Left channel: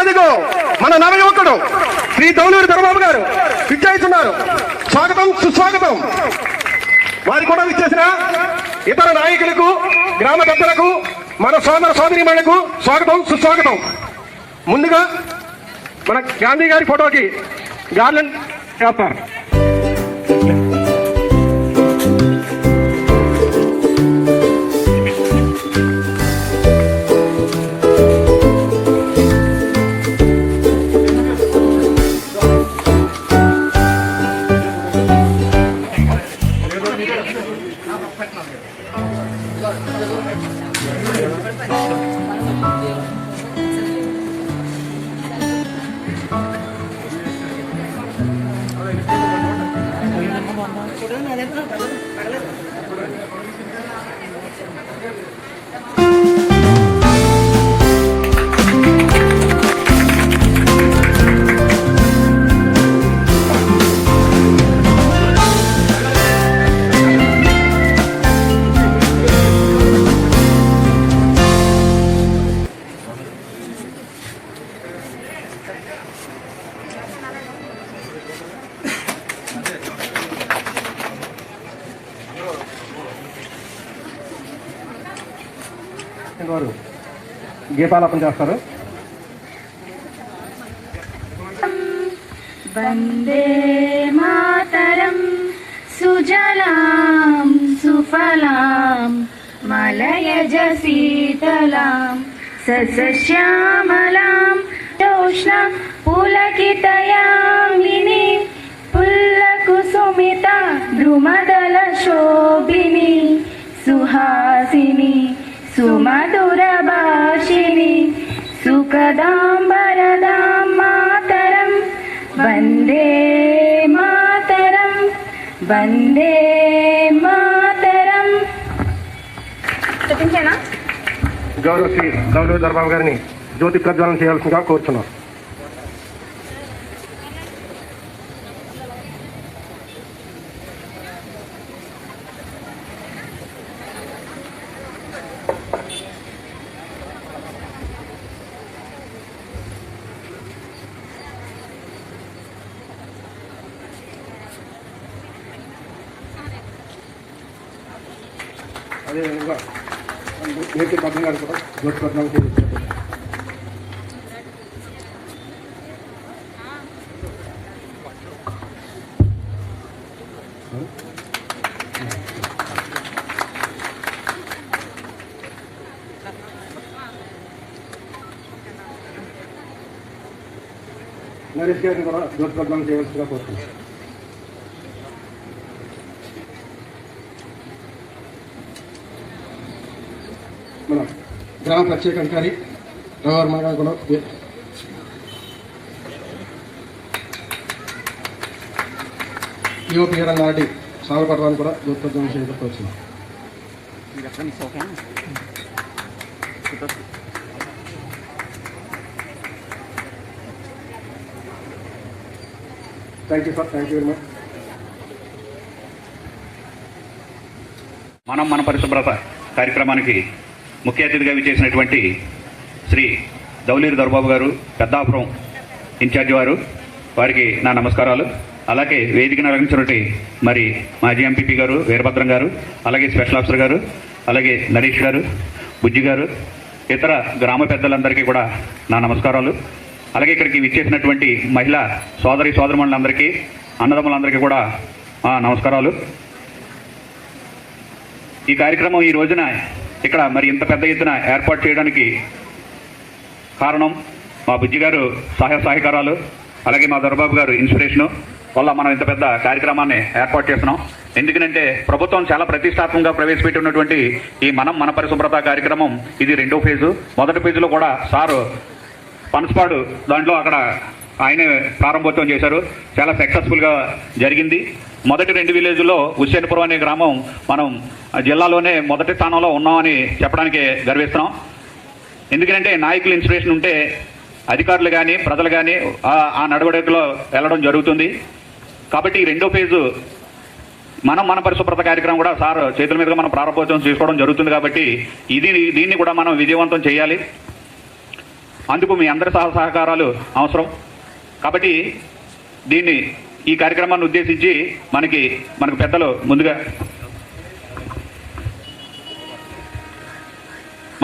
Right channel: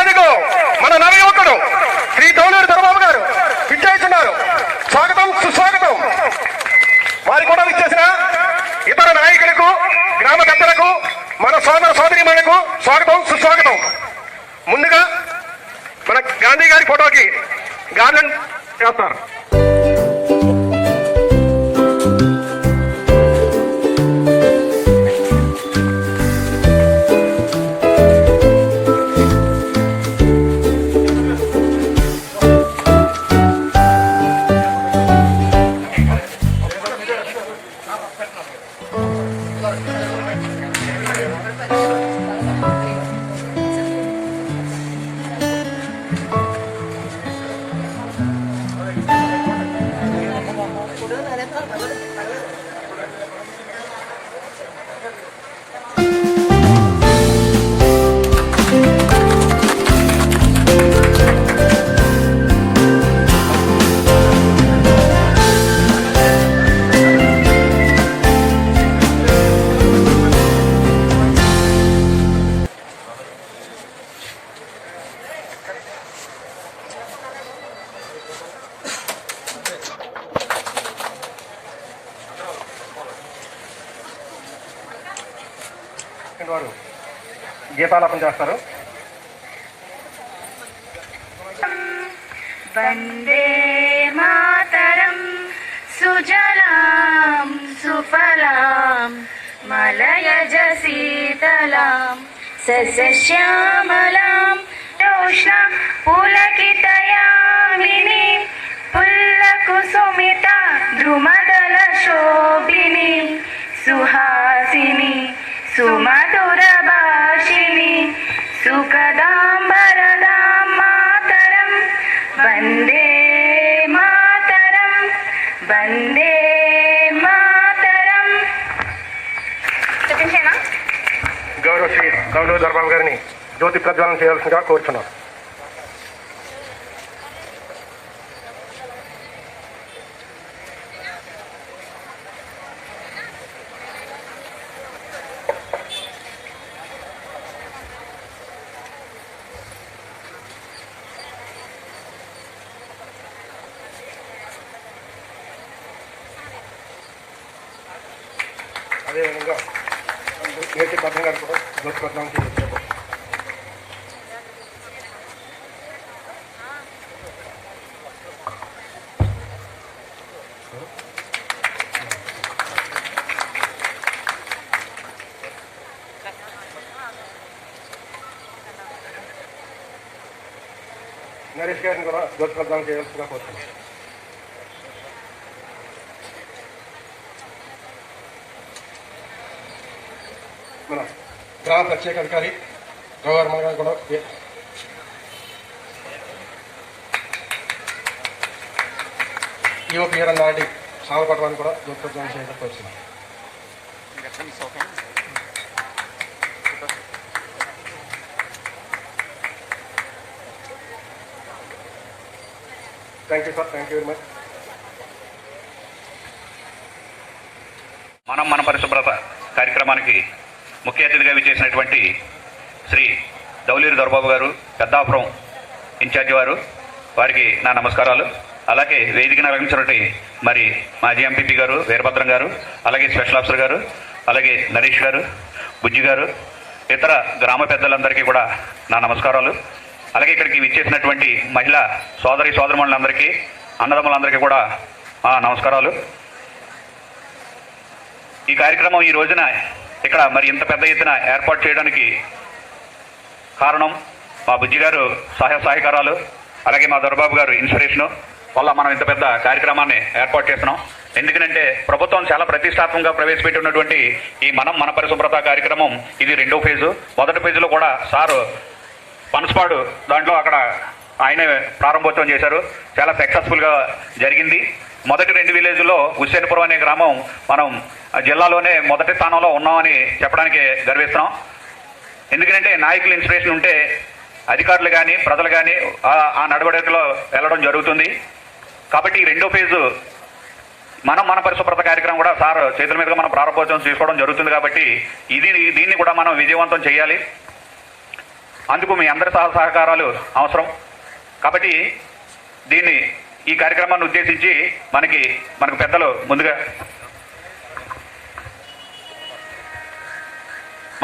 అదిగో మన నవయువకుడు శ్రీ దౌలూరు దొరబాబు గారు ఇచ్చేస్తున్నారు. స్వాగతం సుస్వాగతం. వారు కూడా ఇచ్చేసిన ఇతర నాయకులకు గ్రామ పెద్దలకు మన సోదర సోదరీమణులకు స్వాగతం సుస్వాగతం. ముందుగా మన గాంధీ గారి ఫోటోకి గార్లెండ్ చేస్తారు. వారు గీతాలాపన చేస్తారు. వందే మాతరం సుజలాం సుఫలాం మలయజ శీతలాం సస్యశ్యామలాం రోష్ణ పులకితయామిని పుల్లకుసుమిత ద్రుమదల శోభిని సుహాసిని సుమధుర భాషిణి సుఖదాం వరదాం మాతరం వందే మాతరం వందే మాతరం. చెప్పించేనా? గౌరవ శ్రీ దౌలూరు దొరబాబు గారిని జ్యోతి ప్రజ్వలన చేయాల్సిందిగా కోరుచున్నారు. అదేవిధంగా నేటి పద్యం గారు కూడా జ్యోతి ప్రజ్వలన చేయించారు. నరేష్ గారిని కూడా జ్యోతి ప్రజ్వలన చేయాల్సిందిగా కోరుతున్నాను. మన గ్రామ ప్రత్యేక అధికారి రవివర్మ గారు కూడా యువపీఆర్ నాటి సాగపడడానికి కూడా జ్యోతి ప్రజ్వలన చేయడం కోరుతున్నాం. Thank you sir. Thank you very much. మనం మన పరిశుభ్రత కార్యక్రమానికి ముఖ్య అతిథిగా విచ్చేసినటువంటి శ్రీ దౌలూరు దొరబాబు గారు పెద్దాపురం ఇన్ఛార్జి వారికి నా నమస్కారాలు. అలాగే వేదికను అలంకరించినటువంటి మరి మాజీ ఎంపీపీ గారు వీరభద్రం గారు, అలాగే స్పెషల్ ఆఫీసర్ గారు, అలాగే నరేష్ గారు, బుజ్జి గారు, ఇతర గ్రామ పెద్దలందరికీ కూడా నా నమస్కారాలు. అలాగే ఇక్కడికి విచ్చేసినటువంటి మహిళా సోదరమణులందరికీ, అన్నదమ్ములందరికీ కూడా నమస్కారాలు. ఈ కార్యక్రమం ఈ రోజున ఇక్కడ మరి ఇంత పెద్ద ఎత్తున ఏర్పాటు చేయడానికి కారణం మా బుజ్జి గారు సహకారాలు, అలాగే మా దొరబాబు గారు ఇన్స్పిరేషను వల్ల మనం ఇంత పెద్ద కార్యక్రమాన్ని ఏర్పాటు చేస్తున్నాం. ఎందుకంటే ప్రభుత్వం చాలా ప్రతిష్టాత్మకంగా ప్రవేశపెట్టినటువంటి ఈ మన పరిశుభ్రత కార్యక్రమం ఇది 2వ ఫేజు. మొదటి ఫేజులో కూడా సారు పనసపాడు దాంట్లో అక్కడ ఆయనే ప్రారంభోత్సవం చేశారు. చాలా సక్సెస్ఫుల్గా జరిగింది. మొదటి 2 విలేజ్లో హుస్సేన్పురం అనే గ్రామం మనం జిల్లాలోనే మొదటి స్థానంలో ఉన్నామని చెప్పడానికి గర్విస్తున్నాం. ఎందుకంటే నాయకుల ఇన్స్పిరేషన్ ఉంటే అధికారులు కానీ ప్రజలు కానీ ఆ నడవడికలో వెళ్ళడం జరుగుతుంది. కాబట్టి ఈ 2వ ఫేజు మన పరిశుభ్రత కార్యక్రమం కూడా సార్ చేతుల మీదుగా మనం ప్రారంభోత్సవం తీసుకోవడం జరుగుతుంది. కాబట్టి దీన్ని కూడా మనం విజయవంతం చేయాలి. అందుకు మీ అందరి సహకారాలు అవసరం. కాబట్టి ఈ కార్యక్రమాన్ని ఉద్దేశించి మనకు పెద్దలు ముందుగా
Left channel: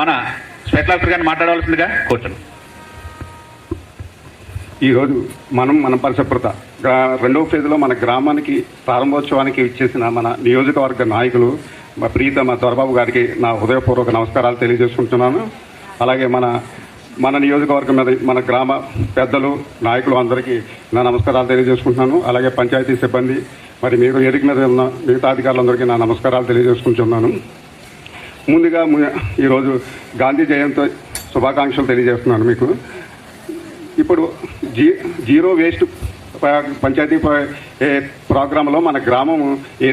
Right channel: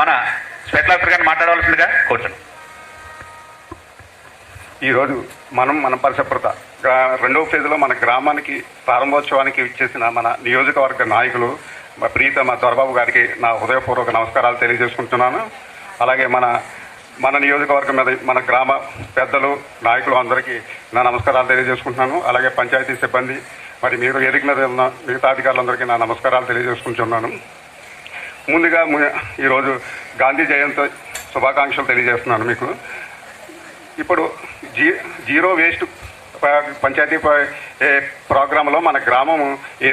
మన స్పెషల్ ఆఫీసర్ గారిని మాట్లాడవలసిందిగా కూర్చోండి. ఈరోజు మన పరిశుభ్రత రెండవ ఫేజ్లో మన గ్రామానికి ప్రారంభోత్సవానికి ఇచ్చేసిన మన నియోజకవర్గ నాయకులు ప్రీతమ దొరబాబు గారికి నా హృదయపూర్వక నమస్కారాలు తెలియజేసుకుంటున్నాను. అలాగే మన నియోజకవర్గం మీద మన గ్రామ పెద్దలు నాయకులు అందరికీ నా నమస్కారాలు తెలియజేసుకుంటున్నాను. అలాగే పంచాయతీ సిబ్బంది మరి మీరు వేదిక మీద ఉన్న మిగతా అధికారులందరికీ నా నమస్కారాలు తెలియజేసుకుంటున్నాను. ముందుగా ఈరోజు గాంధీ జయంతి శుభాకాంక్షలు తెలియజేస్తున్నాను మీకు. ఇప్పుడు జీరో వేస్ట్ పంచాయతీ ప్రోగ్రాంలో మన గ్రామం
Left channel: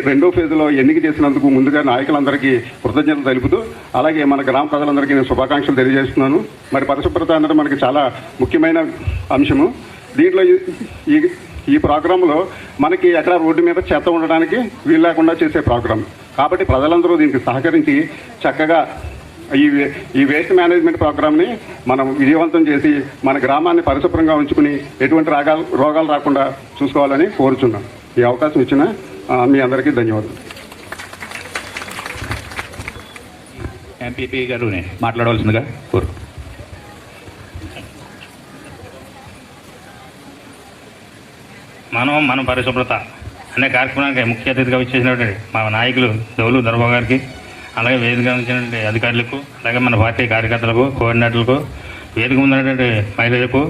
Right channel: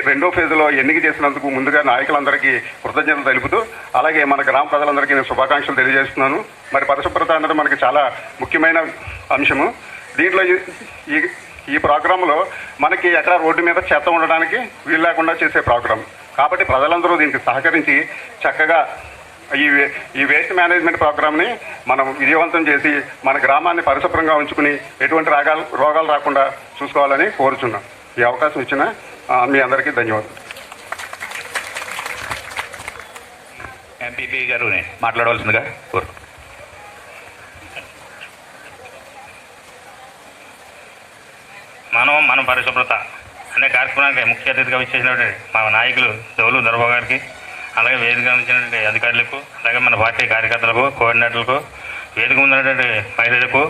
రెండో ఫేజ్లో ఎన్నిక చేసినందుకు ముందుగా నాయకులందరికీ కృతజ్ఞతలు తెలుపుతూ అలాగే మన గ్రామ ప్రజలందరికీ నేను శుభాకాంక్షలు తెలియజేస్తున్నాను. మరి పరిశుభ్రత అనేది మనకి చాలా ముఖ్యమైన అంశము. దీంట్లో ఈ ప్రోగ్రాంలో మనకి ఎక్కడ రోడ్డు మీద చెత్త ఉండడానికి వీలు లేకుండా చేసే ప్రోగ్రాం కాబట్టి ప్రజలందరూ దీనికి సహకరించి చక్కగా ఈ వేస్ట్ మేనేజ్మెంట్ ప్రోగ్రామ్ని మనం విజయవంతం చేసి మన గ్రామాన్ని పరిశుభ్రంగా ఉంచుకుని ఎటువంటి రోగాలు రాకుండా చూసుకోవాలని కోరుచున్నాం. ఈ అవకాశం ఇచ్చిన మీ అందరికీ ధన్యవాదాలు. ఎంపీపీ గారు మాట్లాడవలసిందిగా కోరు. మన పరిశుభ్రత అనే కార్యక్రమానికి ముఖ్య అతిథిగా వచ్చేసినటువంటి మా నాయకులు దౌలు దొరబాబు గారికి, అలాగే వేదిక ఇచ్చినటువంటి అధికారులకు, అలాగే మన పార్టీ కార్యకర్తలకు, కోఆర్డినేటర్లకు, వేదిక ముందున్నటువంటి మహిళలకు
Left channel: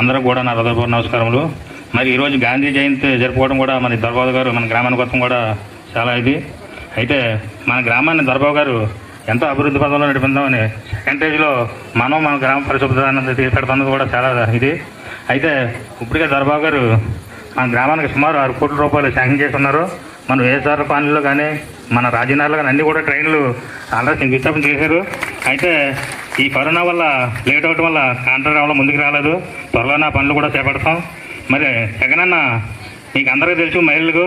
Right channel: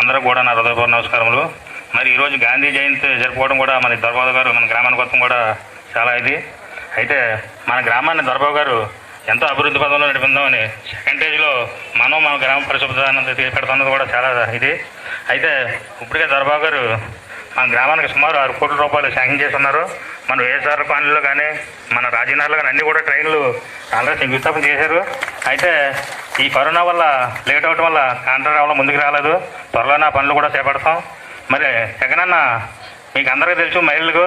అందరూ కూడా నా హృదయపూర్వక నమస్కారములు. మరి ఈరోజు గాంధీ జయంతి జరుపుకోవడం కూడా మన దొరబాబు గారు మన గ్రామానికి మొత్తం కూడా చాలా అయితే మన గ్రామాన్ని దొరబాబు గారు ఎంతో అభివృద్ధి పదంలో నడిపిందామని సెకండ్ స్టేజ్లో మన గ్రామ పరిశుభ్రత తీసిపెడుతున్నది కూడా చాలా అయితే ఇప్పటికే దొరబాబు గారు మన గ్రామానికి సుమారు 6 కోట్ల రూపాయలు శాంక్షన్ చేస్తున్నారు. మన వైఎస్ఆర్ కాలనీలో కానీ మన రాజీనగర్లో కానీ అన్ని కూడా ట్రైన్లు ఆల్రెడీ శంకుస్థాపన చేశారు. అయితే ఈ కరోనా వల్ల లేట్ అవడం వల్ల కాంట్రాక్టర్ రావడం ముందుకు రాలేదు. త్వరలో పనులు కూడా చేపడతాం. మరి జగనన్న మీకు అందరికీ తెలుసు, మహిళలకు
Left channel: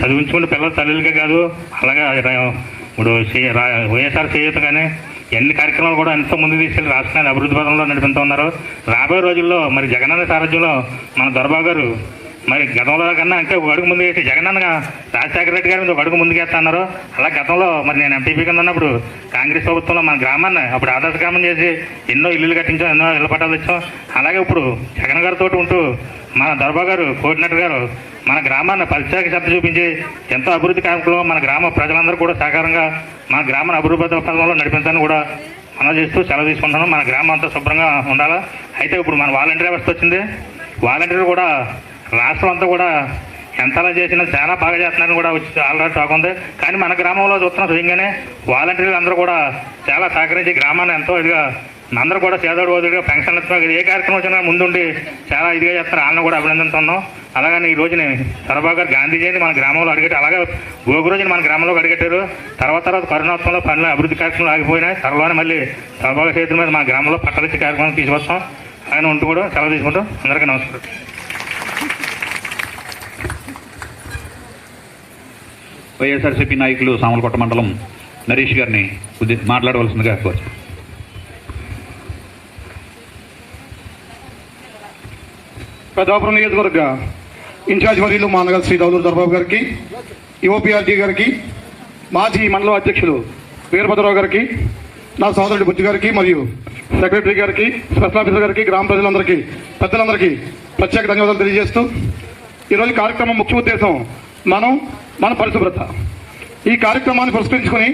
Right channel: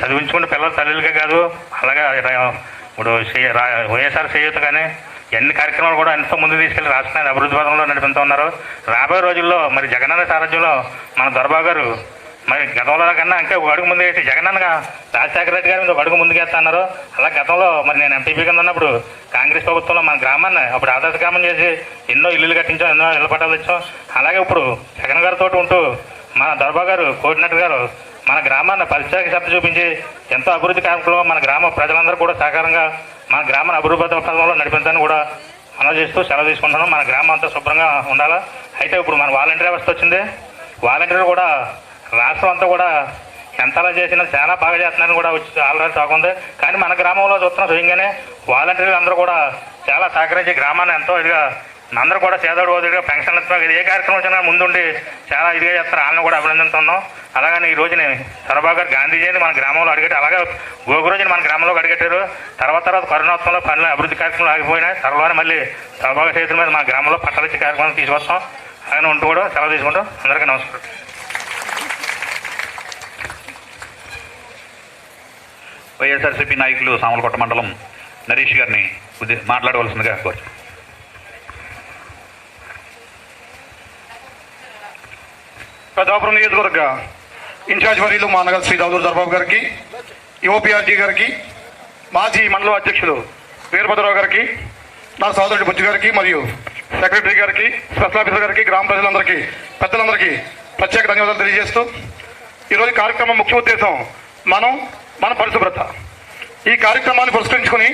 చదివించుకునే పిల్లల తల్లులకే కాదు, అలాగే ఇప్పుడు వైఎస్ఆర్ చేయూత కానీ ఎన్ని కార్యక్రమాలు కూడా ఎంతో ముందు తీసుకెళ్లి రాష్ట్రాన్ని అభివృద్ధి పథంలో నడిపిస్తూ ఉన్నారు. రాబోయే రోజుల్లో మరి జగనన్న సారథ్యంలో మన దొరబాబు గారు మరి గతంలో కన్నా ఇంకా ఒక అడుగు ముందు వేసి జగనన్నగా రాజశేఖర రెడ్డి గారు ఒక అడుగు ముందుకేస్తున్నారు. అలా గతంలో మరి నేను ఎంపీపీ కింద ఉన్నప్పుడు కాంగ్రెస్ ప్రభుత్వంలో మన గ్రామాన్ని అప్పుడు ఆదర్శ గ్రామం చేసి ఎన్నో ఇల్లులు కట్టించాం, ఎన్నో ఇళ్ల పట్టాలు తెచ్చాం. అలాగే ఇప్పుడు జగన్ గారితో ఉంటూ మన దొరబాబు గారు కోఆర్డినేటర్ గారు మన గ్రామాన్ని ప్రత్యేక శ్రద్ధ చూపించి ఎంతో అభివృద్ధి కార్యక్రమంలో మన గ్రామ ప్రజలందరూ కూడా సహకారంగా మన గ్రామాన్ని అభివృద్ధి పథంలో నడిపించాలని కూడా మనం చేస్తూ సెలవు తీసుకుంటున్నాం. మన గ్రామం అంతా శుభ్రంగా ఉండాలా. అయితే ఇప్పుడు మన వాలంటీర్ వ్యవస్థ వచ్చింది. వాలంటీర్ కూడా రాష్ట్రం అంతా కూడా ఎంతలా చేసినా చాలా బాగా చేస్తున్నారని కూడా వచ్చి ఆల్రెడీ టాక్ ఉంది. కానీ మన గ్రామంలో చూస్తున్న స్వయంగానే వాలంటీర్లు అందరూ కూడా చాలా సహకరించి గ్రామాన్ని ఎంతో ఇదిగా అందరూ కూడా చేదోడు ఓదుగా పెన్షన్ ఇస్తున్నారు. ఏ కార్యక్రమం వచ్చినా ముందుండి చాలా ఇదిగా చేస్తున్నారు. వాళ్ళని కూడా అభినందిస్తున్నాం. అలాగని ఈ రోజుని దొరబాబు గారు గాంధీ జయంతి మన గ్రామంలో అడిగట్టారు. అలాగే గోగురోజుని మన గ్రామంలో అడిగట్టారు. తర్వాత కరోనాత్సవంలో పనులు అభివృద్ధి కార్యక్రమాలు ఆగిపోయినాయి. త్వరలోనే మళ్ళీ దొరబాబు చేతుల మీద మన గ్రామంలో పట్టలిచ్చి కార్యక్రమం తీసుకొస్తాం. ఆయన ఉంటూ కూడా సెలవు తీసుకుంటాం. అందరికీ నమస్కారం. వైఎస్ఆర్సీపీ నాయకులు సామలకోట మండలం నరేష్ గారిని మాట్లాడవలసిందిగా కోరు. పెద్దాపురం నియోజకవర్గ ఇన్ఛార్జ్ వర్యులు మా నగర శ్రీ దౌలూరు దొరబాబు గారికి, యువపీఆర్టీ గారికి, మాజీ మండల అధ్యక్షులు వీరభద్రరావు గారికి, నా సహోదరుడు బుజ్జు గారికి మరియు సెక్రటరీ గారికి, స్పెషల్ ఆఫీసర్ గారికి, గ్రామ ప్రజలందరికీ, పెద్దలందరికీ ప్రత్యేక ధన్యవాదాలు తెలియజేస్తూ ఈరోజు కార్యక్రమం ముఖ్య ఉద్దేశం మన పరిశుభ్రత. ఈ కార్యక్రమాన్ని పురస్కరించుకొని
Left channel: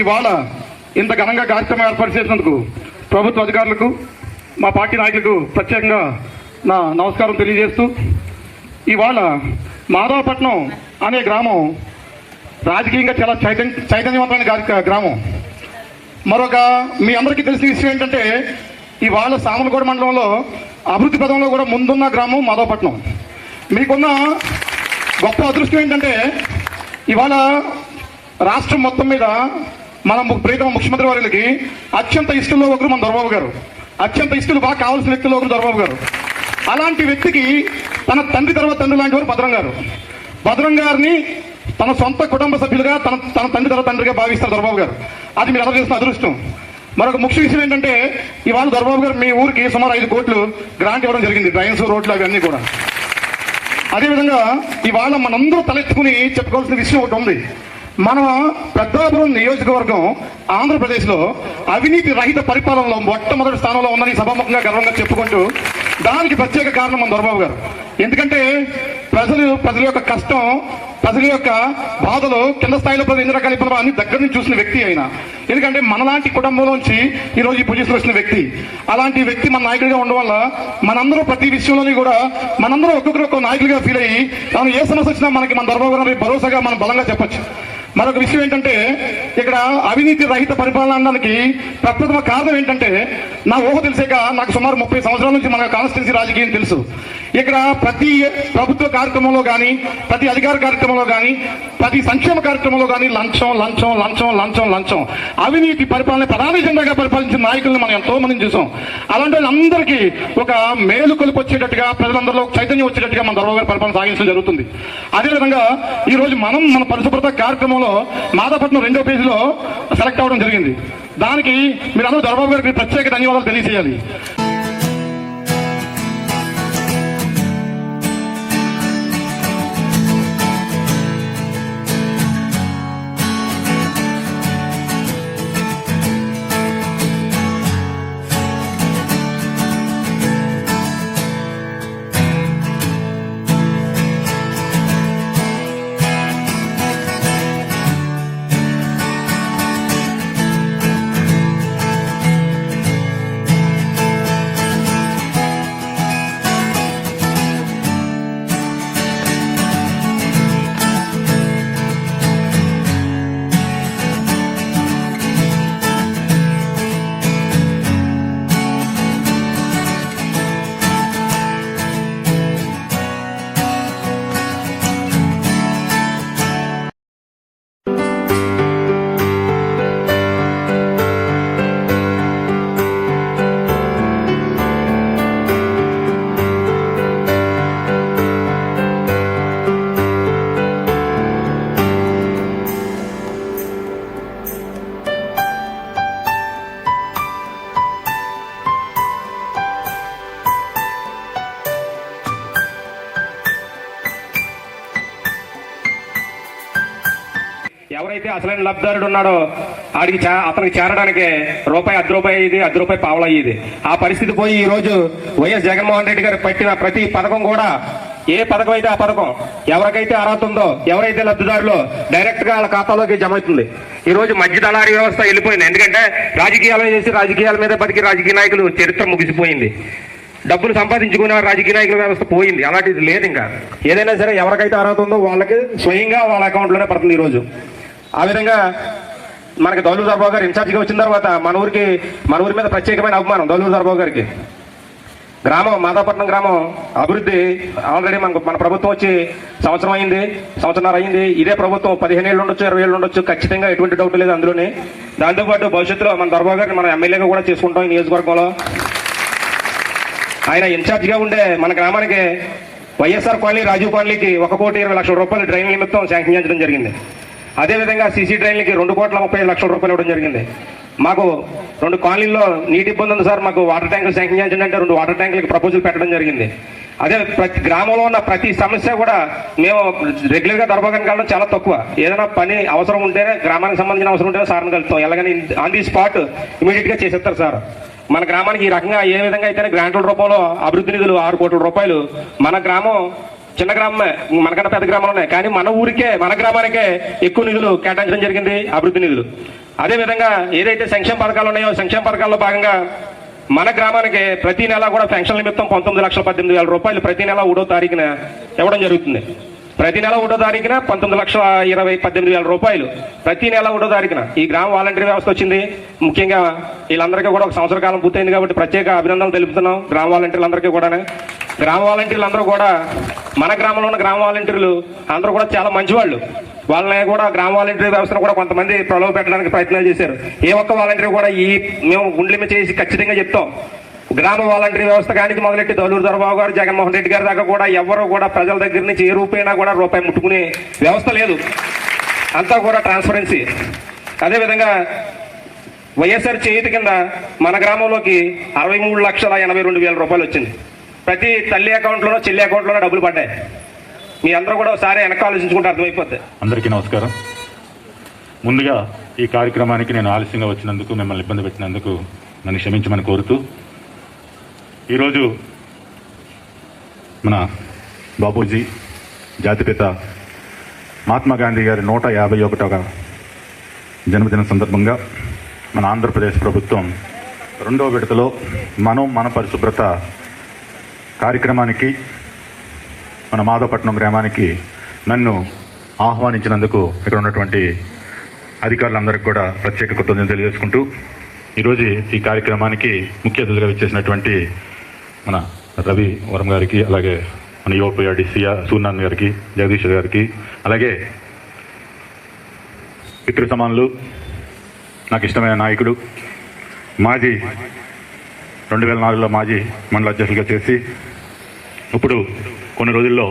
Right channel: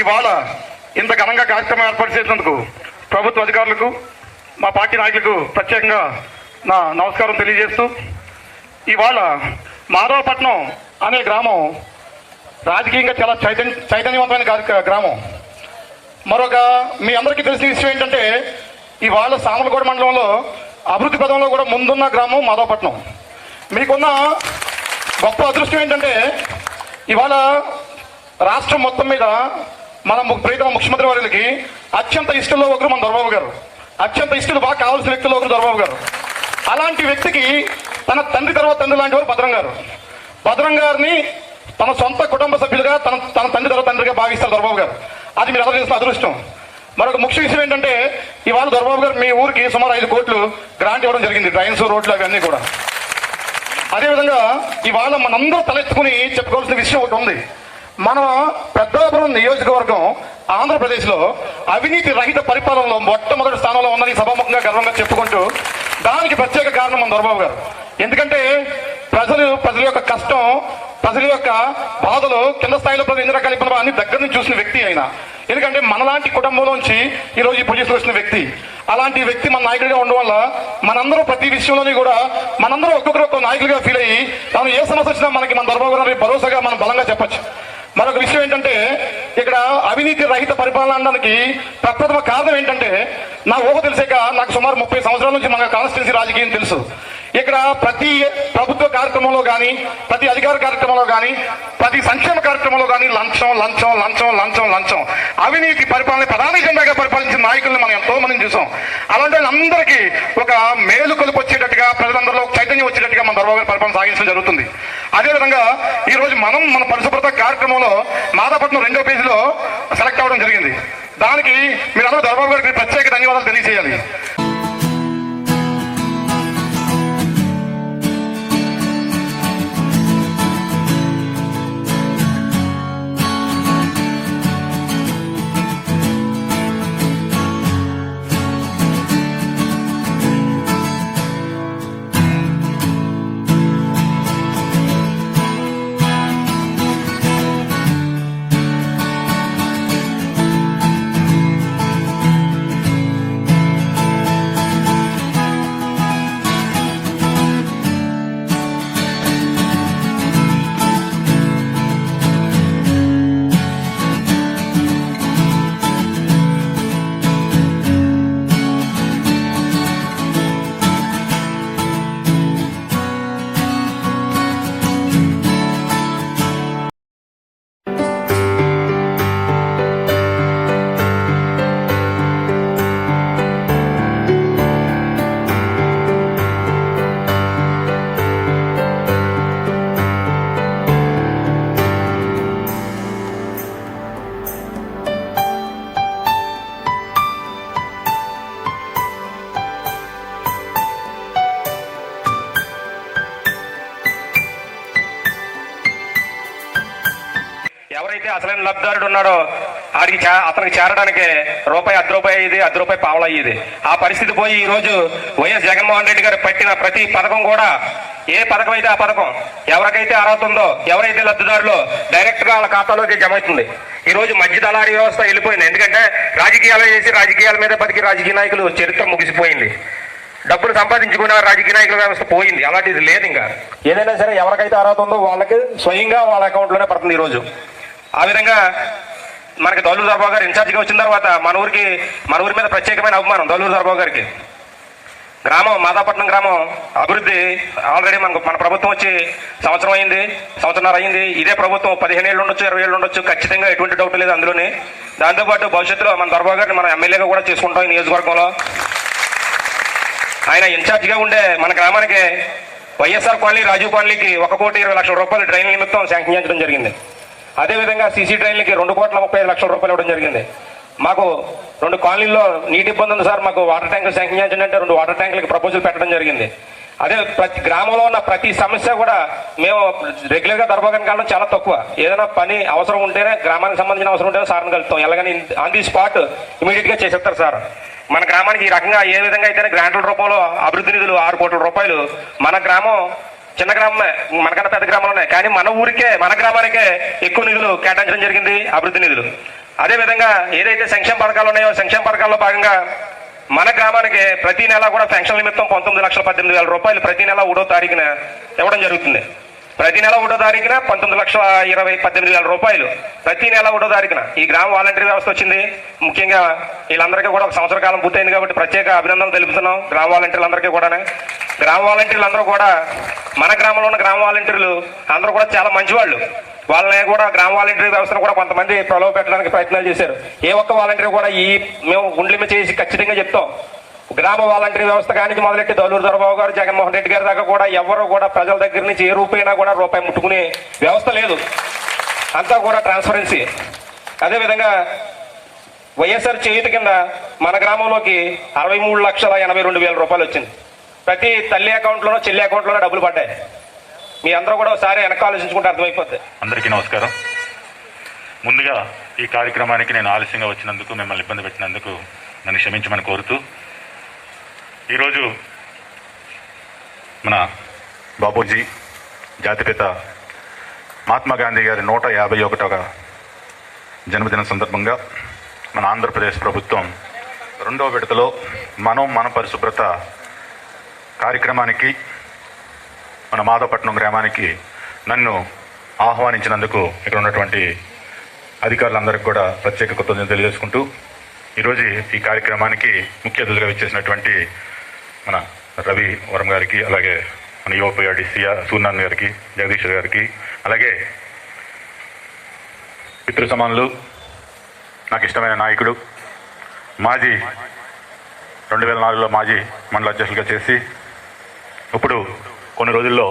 ఇవాళ ఇంత ఘనంగా కార్యక్రమం ఏర్పాటు చేసినందుకు ప్రభుత్వ అధికారులకు, మా పార్టీ నాయకులకు ప్రత్యేకంగా నా నమస్కారం తెలియజేస్తూ ఇవాళ మాధవపట్నం అనే గ్రామం రాజకీయంగా చాలా చైతన్యవంతమైన గ్రామం. మరొక మీ అందరికీ తెలిసిన విషయం ఏంటంటే ఇవాళ సామలకోట మండలంలో అభివృద్ధి పదంలో కూడా ముందున్న గ్రామం మాధవపట్నం. మీకున్న గొప్ప అదృష్టం ఏంటంటే ఇవాళ రాష్ట్రం మొత్తం మీద మన ప్రీతమ ముఖ్యమంత్రి వారికి అత్యంత ఇష్టంలో ఒకరు మన దొరబాబు గారు. అత్యంత ఇష్టలు బాగా కావాల్సిన వ్యక్తుల్లో ఒకరు దొరబాబు గారు. అలాంటి వ్యక్తికి తన తండ్రి తర్వాత తండ్రి లాంటి వారు భద్రం గారు. భద్రం గారిని తన సొంత కుటుంబ సభ్యులుగా తన తండ్రి తర్వాత తండ్రిగా భావిస్తారు దొరబాబు గారు. అది మీరు అందరూ చేసిన అదృష్టం. మరొక ముఖ్య విషయం ఏంటంటే ఇవాళ దొరబాబు గారు మీ ఊరికి సుమారు 5 కోట్లు గ్రాంట్ ఇవ్వడం జరిగింది, డ్రైన్స్, రోడ్లు అవన్నీ కూడా. అదేవిధంగా ఇవాళ మనందరూ తలెత్తుకుని చెప్పుకోవాల్సిన విషయం ఒకటి ఉంది. మన పెద్దాపురం నియోజకవర్గం ఆంధ్రప్రదేశ్ లో అవినీతి రహిత పరిపాలనలో మొట్టమొదటి స్థానంలో ఉందని సభాముఖంగా గర్వంగా చెప్పుకుంటూ, దానికి ప్రత్యేక కారణం మన దొరబాబు గారు. ఎందుకంటే ప్రజల యొక్క కష్టం, ప్రజల యొక్క బాధలు, కింద స్థాయిలో ప్రజలు ఎన్ని రకాల ఇబ్బందులు అన్ని దగ్గర నుంచి చూసిన వ్యక్తి ఆయన. ఎందుకంటే మనలాంటి కుటుంబంలోంచి ఈ రోజు ఈ పొజిషన్ వచ్చిన వ్యక్తి. అలాంటి వ్యక్తి మన నాయకుడిగా ఉండడం వల్ల మనందరూ ప్రతి విషయంలోని కూడా మనందరూ ఒక్కొక్కరు ఒక్కొక్క నాయకుడిగా ఫీల్ అయ్యి మనం ఏ సమస్య వచ్చినా మనకి మన దొరబాబు గారు భరోసాగా మనం బలంగా చెప్పొచ్చు. మరొక విషయం ఏంటంటే ఇక్కడ అవినీతి రహిత పరిపాలన అనడానికి ప్రప్రథమ కారణం ఏంటంటే, నా ఊహ తెలిసాక నాకు సుమారు 30 సంవత్సరాల నుంచి మన కాన్స్టిట్యున్సీ రాజకీయం తెలుసు. ఇక్కడ ప్రతి ప్రభుత్వ కార్యక్రమంలో కానీ, ప్రతి అధికార కార్యక్రమంలో కానీ, ప్రతి సంక్షేమ కార్యక్రమంలో కానీ లంచం లంచం లంచం లంచం లంచం అవినీతి పరిపాలన ప్రధాన ఎజెండాగా పరిపాలించిన నాయకుల్ని మనం ఎంతో మందిని చూసాం. అలాంటి వాళ్ళందరికీ ఒక మేలు కొలుపు వచ్చేటట్టుగా, ప్రజలందరిలో చైతన్యం వచ్చేటట్టుగా మన దొరబాబు గారి పరిపాలన సాగించడం జరుగుతుంది. అదేవిధంగా ఈ రోజు మనం మన పరిశుభ్రత కార్యక్రమంలో మాదాపట్నం 2వ పేజీలో సెలెక్ట్ అవ్వడం జరిగింది. దానికి మీరందరూ దొరబాబు గారికి ప్రత్యేక ధన్యవాదాలు తెలియజేయాలి. ఎవరైతే అసలైన లబ్ధిదారుడు ఉన్నాడో అతనికి చేరడానికి రూపాయి, అర్ధ రూపాయి అయ్యేది, అర్ధ రూపాయి పావలా అయ్యేది. ఆ పరిస్థితి పోయి ఈ రోజు వైఎస్ జగన్మోహన్ రెడ్డి గారు పెట్టిన ప్రతి పథకం కూడా, ఏ పథకం అయితే ఆ పథకం ఎవరికైతే అర్హత ఉందో, ఎవరైతే లబ్ధిదారులో డైరెక్ట్ గా వాళ్ళ ఖాతాలోకి జమ అవుతుంది. ఈ రోజు మధ్య దళారీ వ్యవస్థ వెళ్ళిపోయింది. ఎందుకంటే రాజకీయాలు చేసి రాజకీయాల మీద బతికి రాజకీయ నాయకులు చరిత్ర ముగిసిపోయింది. డబ్బులు సంపాదించుకున్న రాజకీయ నాయకుల వ్యవస్థ పోయింది. అలాంటిది లేదు. ఇంకా ఏదైనా సరే ఎవరికైతే అర్హత ఉందో వాళ్ళకి స్వయంగా వాళ్ళ అకౌంట్లోనే పడుతుంది ఈ రోజు. ఆ విధంగా మనకి దౌలూరు దొరబాబు గారు ఇన్ఛార్జిగా వచ్చిన తర్వాత మన ఊరి మీద ప్రత్యేకమైన అభిమానం దౌలూరు దొరబాబు గారికి. గ్రామం మాదాపట్నం గ్రామం అభివృద్ధి ఆల్రెడీ మన ప్రభుత్వం వచ్చి సంవత్సరంన్నర అయింది. ఇదే ప్రభుత్వం 15 ఏళ్ళు ఉండొచ్చు, 20 ఏళ్ళు ఉండొచ్చు, ఖచ్చితంగా ఎటువంటి డౌట్ లేదు అందులోనే. దాంతోపాటు భవిష్యత్తులో మన దొరబాబు గారిని మనం ఎమ్మెల్యేగా కూడా చేసుకుంటాం ఈ నియోజకవర్గంలో. ఆయన ఇన్ఛార్జిగా ఉండే మన గ్రామానికి వైఎస్ఆర్ కాలనీ, రాజీవ్ కాలనీకి 1,20,00,000 రూపాయలు డ్రైన్ నిమిత్తం శాంక్షన్ చేయడం జరిగింది. అదేవిధంగా సీసీ డ్రైన్లకి 2,35,00,000 రూపాయలు ఇవ్వడం జరిగింది. మాకు 2 కాలనీల్లో నీటి ఇబ్బంది ఉంది సార్, మాకు వాటర్ ట్యాంకులు శాంక్షన్ చేయండి అంటే 2 వాటర్ ట్యాంకులకి ప్రపోజల్ పెట్టడం జరిగింది. అదే ప్రతి గ్రామంలో ఉన్న ప్రతి సమస్య కూడా మేము రెగ్యులర్గా దొరబాబుని కలవడం చాలా తక్కువ. ఏదైనా పని అవసరం ఉంటేనే, గ్రామానికి సంబంధించిన అవసరం ఉంటేనే సార్ని కలుపుతాం. ఎలాగని ఆన్ ది స్పాట్ ఇమీడియట్ గా చేసేస్తారు సార్. మన గ్రామానికి ఈ రకంగా ఏ విధంగా అయితేనే గ్రాంట్ల రూపంలో అభివృద్ధి నిధులు 6 కోట్ల రూపాయలు. మన గ్రామం చిన్న గ్రామమే, మనకన్నా పెద్ద గ్రామాలు కానీ మన ఊరికే, మన గ్రామానికే ఎక్కువ నిధులు కేటాయించడం జరిగింది, అభివృద్ధి నిధులు. అదేవిధంగా ఏదైతే సంక్షేమ పథకాలు ఉన్నాయో, సంక్షేమ పథకాల్లో భాగంగా మన గ్రామానికి ప్రతి నెల కూడా పెన్షన్ నిమిత్తం 19,18,000 రూపాయలు ప్రతి నెల 1వ తారీఖున ఇవ్వడం జరుగుతుంది. ప్రతి నెల 1వ తారీఖున 19,18,000 రూపాయలు ప్రతి నెల 1వ తారీఖున ఈ గ్రామ వాలంటీర్ వ్యవస్థ వచ్చింది. ముఖ్యంగా వీళ్ళందరికీ కూడా 1 సంవత్సర కాలం పూర్తయింది కాబట్టి ప్రత్యేక అభినందనలు తెలుపుతున్నాం గ్రామ వాలంటీర్లందరికీ కూడా. గ్రామ వాలంటీర్లు అందరూ కూడా, మన గ్రామంలో ఉన్న గ్రామ వాలంటీర్లు అందరూ కూడా చాలా మంచివాళ్ళు. వాళ్ళని కూడా గ్రామ వాలంటీర్ వ్యవస్థను కూడా కొంతమంది ప్రలోభ పెట్టడానికి ప్రయత్నాలు చేశారు. ఏ ఒక్క వాలంటీర్ కూడా మేము గుండెలిమ చేసి ఖచ్చితంగా చెప్తాం, గ్రామ వాలంటీర్ వ్యవస్థ కానికి మొదలెట్టి దౌలూరు దొరబాబు గారు, జగన్మోహన్ రెడ్డి గారి దాకా కూడా ఎవరు కూడా ప్రజల దగ్గర నుంచి ఏ రూపాయినా కూడా రూపాయి ముట్టుకునే వ్యవస్థ లేదు. అంతా కూడా ట్రాన్స్పరెన్సీ. అదేవిధంగా వైఎస్ఆర్ చేతి కింద మన గ్రామంలోకి 63,82,000 రూపాయలు వచ్చింది. ప్రతి తల్లి అకౌంట్లోనో చెల్లి అకౌంట్లోనో డబ్బులు పడ్డాయి. మీ అందరూ కూడా ఒకసారి వెనక ఆలోచించుకుంటే అర్థమైపోద్ది. అందరికీ నమస్కారం. ముందుగా ఈ కార్యక్రమానికి నేను ఆలస్యంగా వచ్చినందుకు, మిమ్మల్ని ఇబ్బంది పెట్టినందుకు నన్ను క్షమించమని కోరుతూ, ఈరోజు మన బాపూజీ జాతిపిత మహాత్మా గాంధీ గారి 151వ జన్మదిన సందర్భంగా మన ఆంధ్రప్రదేశ్ ప్రభుత్వం 2వ విడతలో మన పరిశుభ్రత కార్యక్రమానికి మన మాధవపట్నం గ్రామానికి నన్ను ఆహ్వానించినందుకు ఇక్కడ ఉన్నటువంటి అధికారులందరికీ కూడా ప్రత్యేక కృతజ్ఞతలు తెలియజేసుకుంటూ, ఈరోజు ఈ కార్యక్రమానికి ముఖ్య అతిథులుగా విచ్చేసినటువంటి మన రవి వరం గారికి, అలాగే మన యువపీఆర్డీ సూర్యనారాయణ గారికి, జగదీష్ గారికి, అలాగే పితృ సమానులు, నాకు ఇష్టమైన నాయకుడు, మాజీ 2004లో మాజీ మండల అధ్యక్షులుగా చేసి ఇప్పుడు కొన్ని రోజుల్లో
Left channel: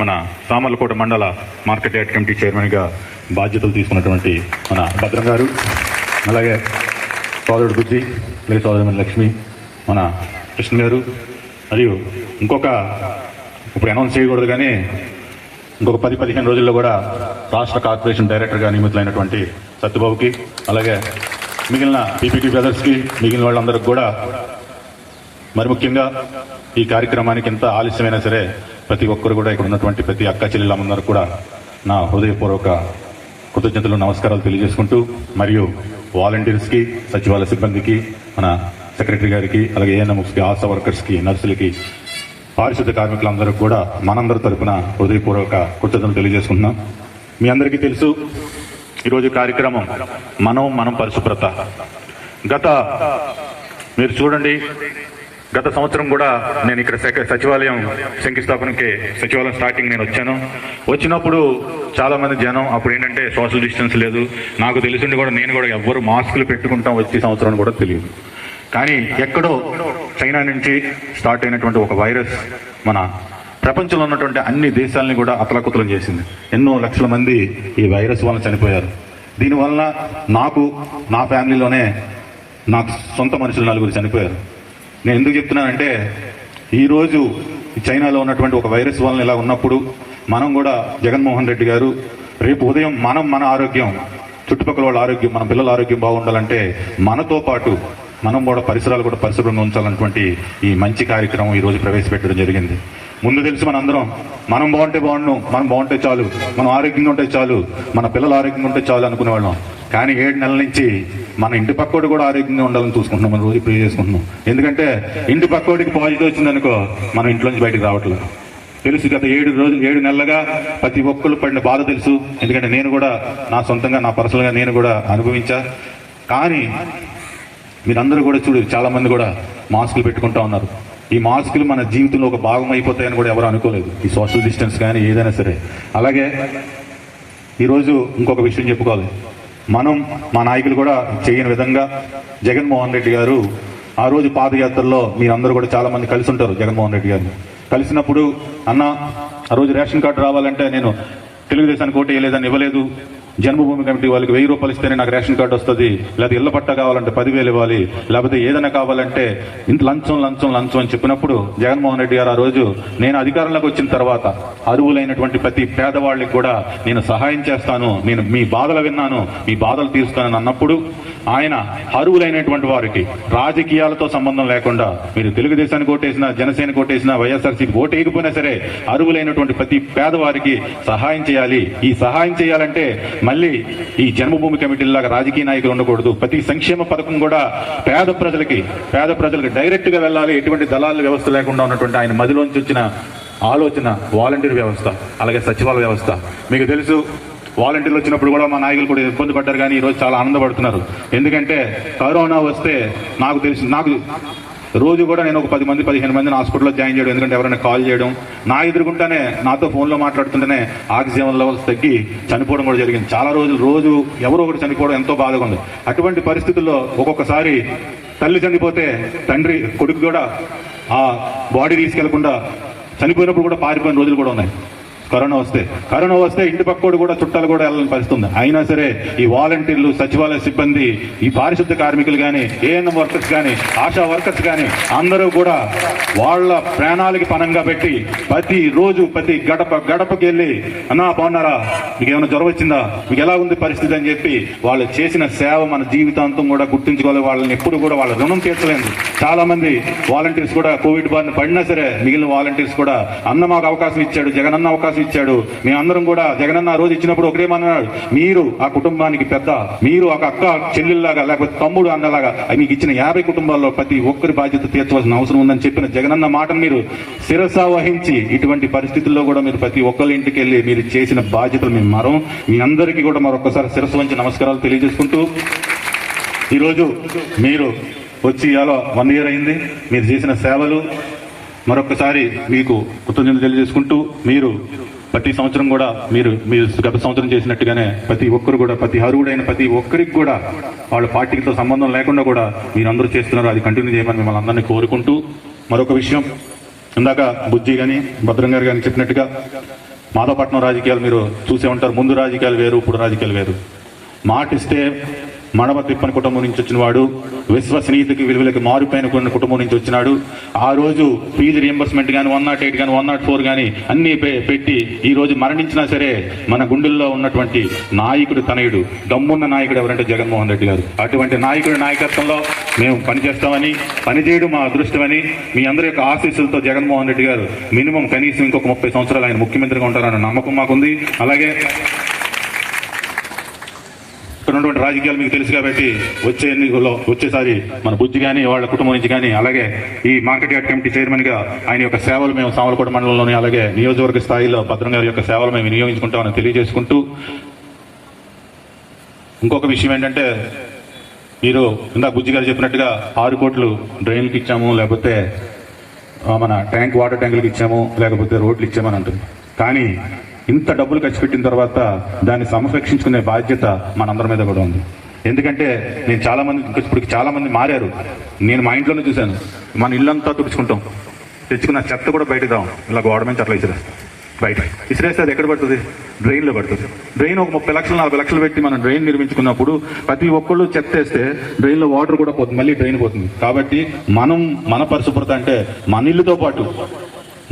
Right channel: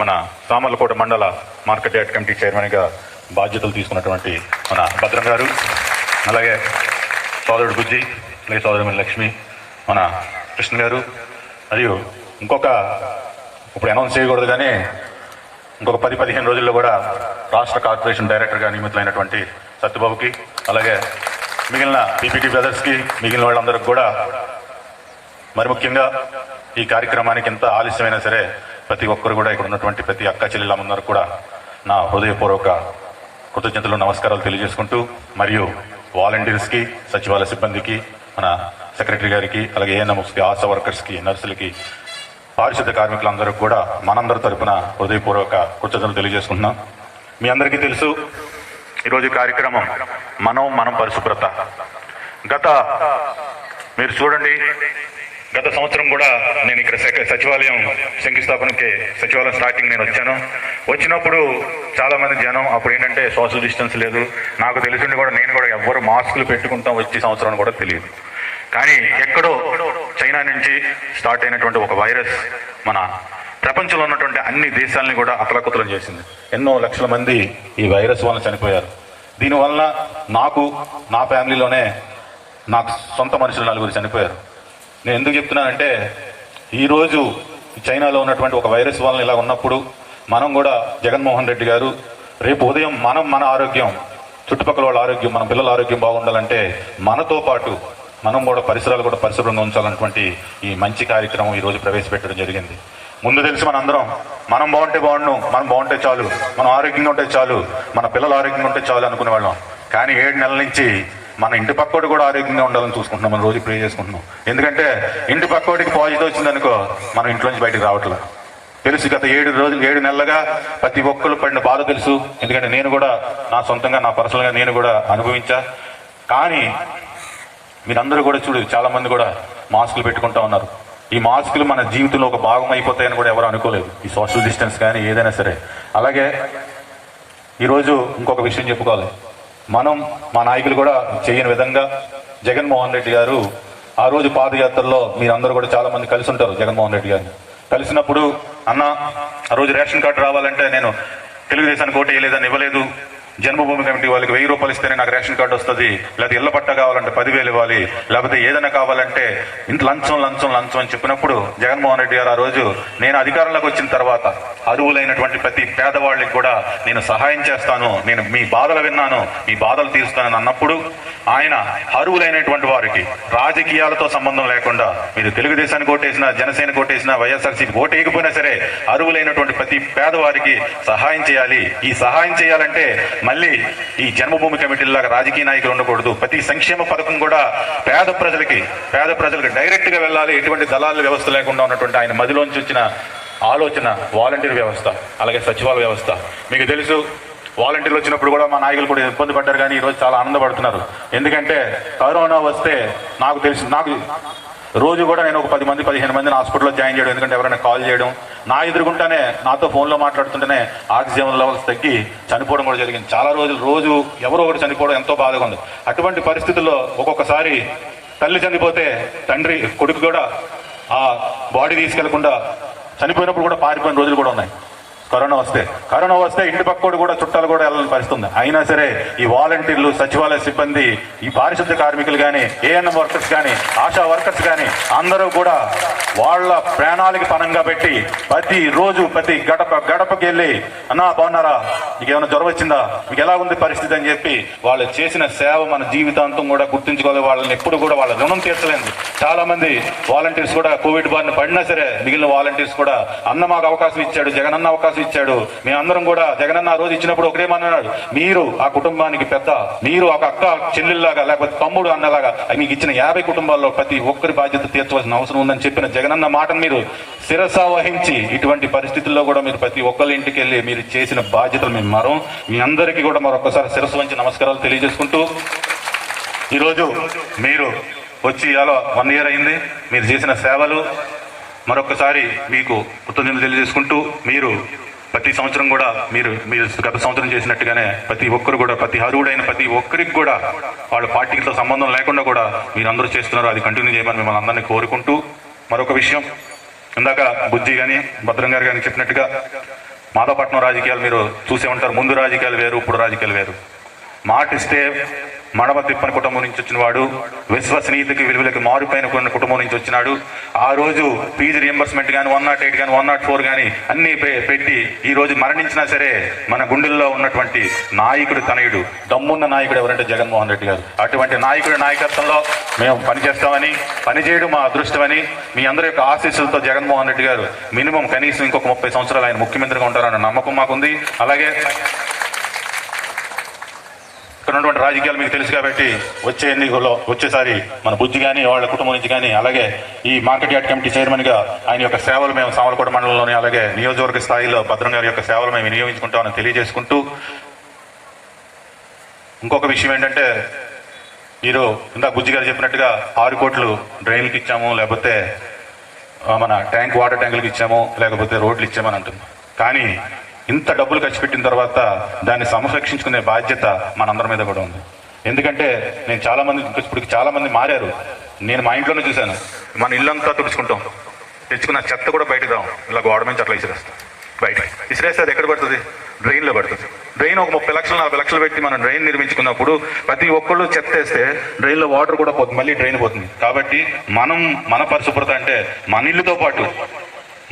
మన సామర్లకోట మండల మార్కెట్ యార్డ్ కమిటీ చైర్మన్గా బాధ్యతలు తీసుకున్నటువంటి మన భద్రం గారు, అలాగే సోదరుడు బుజ్జి, అలాగే సోదరుడు లక్ష్మి, మన కృష్ణ గారు, మరియు ఇప్పుడు అనౌన్స్ చేయకూడదు కానీ ఇంకొక 10-15 రోజుల్లో కూడా రాష్ట్ర కార్పొరేషన్ డైరెక్టర్గా నియమితులైనటువంటి సత్యబాబుకి, అలాగే మిగిలిన పీపీటీ బ్రదర్స్కి, మిగిలిన వాళ్ళందరికీ కూడా, మరి ముఖ్యంగా ఈ కార్యక్రమానికి ఎంత ఆలస్యమైనా సరే ప్రతి ఒక్కరు కూడా ఇక్కడ ఉన్నటువంటి ప్రతి అక్క చెల్లెళ్ళందరూ కూడా నా హృదయపూర్వక కృతజ్ఞతలు, నమస్కారాలు తెలియజేసుకుంటూ, మరియు వాలంటీర్స్కి, సచివాలయ సిబ్బందికి, మన సెక్రటరీ గారికి, అలాగే ఏఎన్ఎంస్కి, ఆశా వర్కర్స్కి, నర్సులకి, పారిశుద్ధ కార్మికులందరికీ కూడా మనందరి తరపున హృదయపూర్వక కృతజ్ఞతలు తెలియజేసుకుంటున్నాం. మీ అందరికీ తెలుసు, ఈరోజు కార్యక్రమం మనం పరిశుభ్రత. మీరు చూడండి, గత సంవత్సరం కూడా నేను ఇక్కడ సచివాలయం శంకుస్థాపనకి, సచివాలయం స్టార్టింగ్ నేను వచ్చినప్పుడు చాలా మంది జనం, అప్పుడు ఏంటంటే సోషల్ డిస్టెన్స్ లేదు, నాకు తెలిసింది కూడా నేను కూడా ఎవ్వరు మాస్కులు పెట్టుకుంటాం వచ్చే సంవత్సరం కూడా తెలియదు. కానీ ఎక్కడో చైనా నుంచి స్టార్ట్ అయినటువంటి ఒక వైరస్ మన ప్రపంచంలో ఉన్నటువంటి అన్ని దేశాలని కూడా అతలాకుతలం చేసింది. ఎన్నో లక్షల మంది ఈ వైరస్ వల్ల చనిపోయారు. దీనివల్ల నా ఫ్యామిలీలోనే నాకు సొంత మనుషులు 4 చనిపోయారు. నేను ఎందుకు చెప్తున్నానంటే, ఈరోజు చైనాలో ఉన్నటువంటి ఒక వైరస్ వలన ఇలా ఉన్నప్పుడు మనం కూడా జగన్మోహన్ రెడ్డి గారు రేపు ఉదయం మన ఆరోగ్యం, చుట్టుపక్కల వాళ్ళ ఆరోగ్యం, మన పిల్లల ఆరోగ్యం బాగుండాలంటే మనతో పాటు మనం కూడా పరిసరాలు కూడా పరిశుభ్రంగా ఉంచాలన్నటువంటి ఈ మంచి కార్యక్రమం ఈరోజు ప్రవేశపెట్టడం జరిగింది. ముందు తెలిసి మనం బాగుంటే మనం బాగుంటే చాలు, మనం ఆరోగ్యంగా ఉంటే చాలు, మన పిల్లలు ఆరోగ్యంగా ఉంటే చాలు అనుకునేవాళ్ళం. కానీ 7 నెలల నుంచి మన ఇంటి పక్కోడు కూడా ఆరోగ్యంగా ఉండాలని చూసుకుంటున్నాం, మనం రోజు ప్రే చేసుకుంటున్నాం. ఎందుకంటే ఇంటి పక్కోడికి పాజిటివ్ వచ్చిందనుకో మనం ఇంట్లోంచి బయటకు రావట్లేదు. తెలుసు, గత 7 నెలలుగా ప్రతి ఒక్కరు పడిన బాధ తెలుసు. ఎందుకంటే నేను కూడా నా సొంతంగా, నా పర్సనల్గా నేను కూడా అనుభవించా. కానీ మీరందరూ కూడా చాలా మంది కూడా మాస్కులు పెట్టుకుంటా ఉన్నారు. ఈ మాస్కులు మన జీవితంలో ఒక భాగం అయిపోతాయని కూడా ఎవరు అనుకోలేదు, ఈ సోషల్ డిస్టెన్స్ కానీ ఏదైనా సరే. అలాగే ఈరోజు ఇంకొక విషయం చెప్పుకోవాలి, మా నాయకులు కూడా చేయని విధంగా జగన్మోహన్ రెడ్డి గారు ఆ రోజు పాదయాత్రలో మీరందరూ కూడా చాలా మంది కలిసి ఉంటారు. జగన్మోహన్ రెడ్డి గారిని కలిసినప్పుడు, అన్న ఆ రోజు రేషన్ కార్డు రావాలంటే నేను తెలుగుదేశానికి ఓటు వేయలేదని ఇవ్వలేదు, జన్మభూమి కమిటీ వాళ్ళకి 1000 రూపాయలు ఇస్తేనే నాకు రేషన్ కార్డు వస్తుంది, లేదా ఇళ్ల పట్ట కావాలంటే 10,000 ఇవ్వాలి, లేకపోతే ఏదైనా కావాలంటే ఇంత లంచం అని చెప్పినప్పుడు జగన్మోహన్ రెడ్డి గారు ఆ రోజు నేను అధికారంలోకి వచ్చిన తర్వాత అరువులైనటువంటి ప్రతి పేదవాళ్ళకి కూడా నేను సహాయం చేస్తాను, నేను మీ బాధలు విన్నాను, మీ బాధలు తీరుస్తానని అన్నప్పుడు ఆయన అరువులైనటువంటి వారికి రాజకీయాలతో సంబంధం లేకుండా, మీరు తెలుగుదేశానికి ఓటేసినా, జనసేనకు ఓటేసినా, వైఎస్ఆర్సీపీ ఓటు వేయకపోయినా సరే అరువులైనటువంటి ప్రతి పేదవారికి సహాయం చేయాలి. ఈ సహాయం చేయాలంటే మళ్ళీ ఈ జన్మభూమి కమిటీలాగా రాజకీయ నాయకులు ఉండకూడదు. ప్రతి సంక్షేమ పథకం కూడా పేద ప్రజలకి డైరెక్ట్ గా వెళ్ళాలి. ఎటువంటి దళాల వ్యవస్థ లేకుండా ఉన్నటువంటి ఆయన మదిలోంచి వచ్చిన ఆలోచన వాలంటీర్ వ్యవస్థ, అలాగే సచివాలయ వ్యవస్థ. మీకు తెలుసు, వాలంటీర్లు వచ్చినప్పుడు కూడా మా నాయకులు కూడా ఇబ్బంది పడ్డారు, కానీ ఈరోజు చాలా ఆనందపడుతున్నారు. ఎందుకంటే కరోనా వస్తే నాకు రోజు కూడా నేను ఒక 10 మంది 15 మందిని హాస్పిటల్లో జాయిన్ చేయడం, ఎందుకంటే ఎవరైనా కాల్ చేయడం, నా ఎదురుకుంటానే నాతో ఫోన్లో మాట్లాడుతుంటేనే ఆక్సిజన్ లెవెల్స్ తగ్గి చనిపోవడం కూడా జరిగింది. చాలా రోజు ఎవరో ఒకరు చనిపోవడం ఎంతో బాధగా ఉంది. అటువంటి పరిస్థితుల్లో ఒక్కొక్కసారి తల్లి చనిపోతే తండ్రి, కొడుకు కూడా ఆ బాడీ తీసుకెళ్లకుండా చనిపోయినప్పుడు కూడా పారిపోయిన రోజులు కూడా ఉన్నాయి. కరోనా వస్తే ఇంటి పక్కోడు కూడా చుట్టాలు కూడా వెళ్ళని పరిస్థితి ఉంది. అయినా సరే ఈ వాలంటీర్లు, సచివాలయ సిబ్బంది, ఈ పారిశుద్ధ్య కార్మికులు కానీ, ఏఎన్ఎం వర్కర్స్ కానీ, ఆశా వర్కర్స్ కానీ అందరూ కూడా వాళ్ళ ప్రాణాలకి పనంగా పెట్టి ప్రతి రోజు ప్రతి గడపకి వెళ్ళి అన్నా బాగున్నారా, మీకు ఏమైనా జ్వరం వచ్చిందా, మీకు ఎలా ఉంది పరిస్థితి అని చెప్పి వాళ్ళు చేసిన సేవ మన జీవితాంతం కూడా గుర్తుంచుకోవాలి. వాళ్ళని ఎప్పుడు కూడా వాళ్ళ రుణం తీర్చలేదు. చాలా మంది వాలంటీర్స్ కూడా కోవిడ్ బారిన పడినా సరే మిగిలిన వాలంటీర్స్ కూడా అన్న మాకు అవకాశం ఇచ్చాడు, జగనన్న అవకాశం ఇచ్చాడు, మేమందరం కూడా జగనన్న ఆ రోజు ఇచ్చినప్పుడు ఒకటేమన్నాడు, మీరు ఆ కుటుంబానికి పెద్ద, మీరు ఒక అక్క చెల్లెల్లాగా లేకపోతే తమ్ముడు అన్నలాగా మీకు ఇచ్చిన 50 కుటుంబాల్లో ప్రతి ఒక్కరి బాధ్యత తీర్చవలసిన అవసరం ఉందని చెప్పిన జగనన్న మాటను మీరు శిరస వహించి ఇటువంటి పరిస్థితుల్లో కూడా మీరు ప్రతి ఒక్కరి ఇంటికి వెళ్ళి మీరు చేసిన బాధ్యతలు మేము మరం. మీ అందరికీ కూడా మరొకసారి శిరస్సు వంచి నమస్కారాలు తెలియజేసుకుంటూ, ఈరోజు మీరు వచ్చి అలా 1 year అయింది. మీరు చేసిన సేవలు మరొకసారి మీకు కృతజ్ఞతలు తెలియజేసుకుంటూ, మీరు ప్రతి సంవత్సరం కూడా మీరు గత సంవత్సరం చేసినట్టుగానే ప్రతి ఒక్కరు కూడా ప్రతి అర్హుడైన ప్రతి ఒక్కరికి కూడా వాళ్ళ పార్టీలతో సంబంధం లేకుండా కూడా మీరు అందరూ చేస్తున్నారు. అది కంటిన్యూ చేయమని మిమ్మల్ని అందరినీ కోరుకుంటూ, మరొక విషయం ఇందాక బుజ్జి కానీ భద్రం గారు కానీ చెప్పినట్టుగా మాధవపట్నం రాజకీయాలు మీరు చూసే ఉంటారు. ముందు రాజకీయాలు వేరు, ఇప్పుడు రాజకీయాలు వేరు. మాటిస్తే మడమ తిప్పని కుటుంబం నుంచి వచ్చిన వాడు, విశ్వసనీయతకి విలువలకి మారిపోయిన కొన్ని కుటుంబం నుంచి వచ్చినాడు. ఆ రోజు ఫీజు రియంబర్స్మెంట్ కానీ 108 కానీ 104 కానీ అన్ని పెట్టి ఈ రోజు మరణించినా సరే మన గుండెల్లో ఉన్నటువంటి నాయకుడు తనయుడు, దమ్మున్న నాయకుడు ఎవరంటే జగన్మోహన్ రెడ్డి గారు. అటువంటి నాయకుడి నాయకత్వంలో మేము పనిచేస్తామని, పనిచేయడం మా అదృష్టమని, మీ అందరి యొక్క ఆశీస్సులతో జగన్మోహన్ రెడ్డి గారు మినిమం కనీసం ఇంకొక 30 సంవత్సరాలు ఆయన ముఖ్యమంత్రిగా ఉంటారన్న నమ్మకం మాకుంది. అలాగే ఇక్కడ ఉన్నటువంటి రాజకీయాలు మీకు తెలుసు కాబట్టి వచ్చే ఎన్నికల్లో వచ్చేసారి మన బుజ్జి కానీ వాళ్ళ కుటుంబం నుంచి కానీ, అలాగే ఈ మార్కెట్ యార్డ్ కమిటీ చైర్మన్ గా ఆయన యొక్క సేవలు మేము సామలకోట మండలంలోని అలాగే నియోజకవర్గ స్థాయిలో భద్రం గారి యొక్క సేవలు మేము వినియోగించుకుంటామని తెలియజేసుకుంటూ, ఇంకొక విషయం ఏంటంటే మీరు ఇందాక బుజ్జి గారు చెప్పినట్టుగా 6 కోట్లు డ్రైన్లకు ఇచ్చాము, లేకపోతే మన వాటర్ ట్యాంకులకు ఇచ్చాము, లేకపోతే రోడ్లు ఇచ్చామని అంటున్నాం. కానీ ఇంత డబ్బులు ఖర్చు పెట్టిన తర్వాత దాన్ని సంరక్షించుకునే బాధ్యత మనందరి మీద కూడా ఉంది. ఎందుకంటే నేను చాలా మంది మారారు. నేను మా ఇంట్లోనే చూశాను. మన ఇల్లంతా తుడుచుకుంటాం, తెచ్చుకున్న చెత్త కూడా బయటదాం, ఇలా గోడ నుంచి అట్లా విసిరేస్తాం. బయట విసిరేస్తే అది ఎక్కడ పడుతుంది? డ్రైన్లో పడుతుంది. డ్రైన్ ఒక 30 లక్షలు 40 లక్షలు పెట్టి మనం డ్రైన్ నిర్మించుకున్నప్పుడు ప్రతి ఒక్కళ్ళు చెత్త వేస్తే డ్రైన్లో వాటర్ కూడా పోతుంది, మళ్ళీ డ్రైన్ పోతుంది. కాబట్టి మన పరిశుభ్రత అంటే మన ఇల్లుతో పాటు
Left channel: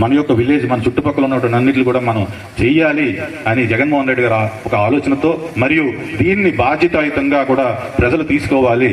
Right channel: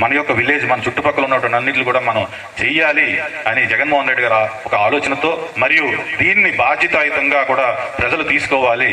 మన యొక్క విలేజ్, మన చుట్టుపక్కల ఉన్నటువంటి అన్నింటిని కూడా మనం చెయ్యాలి అని జగన్మోహన్ రెడ్డి గారు ఒక ఆలోచనతో, మరియు దీన్ని బాధ్యతాయుతంగా కూడా ప్రజలు తీసుకోవాలి.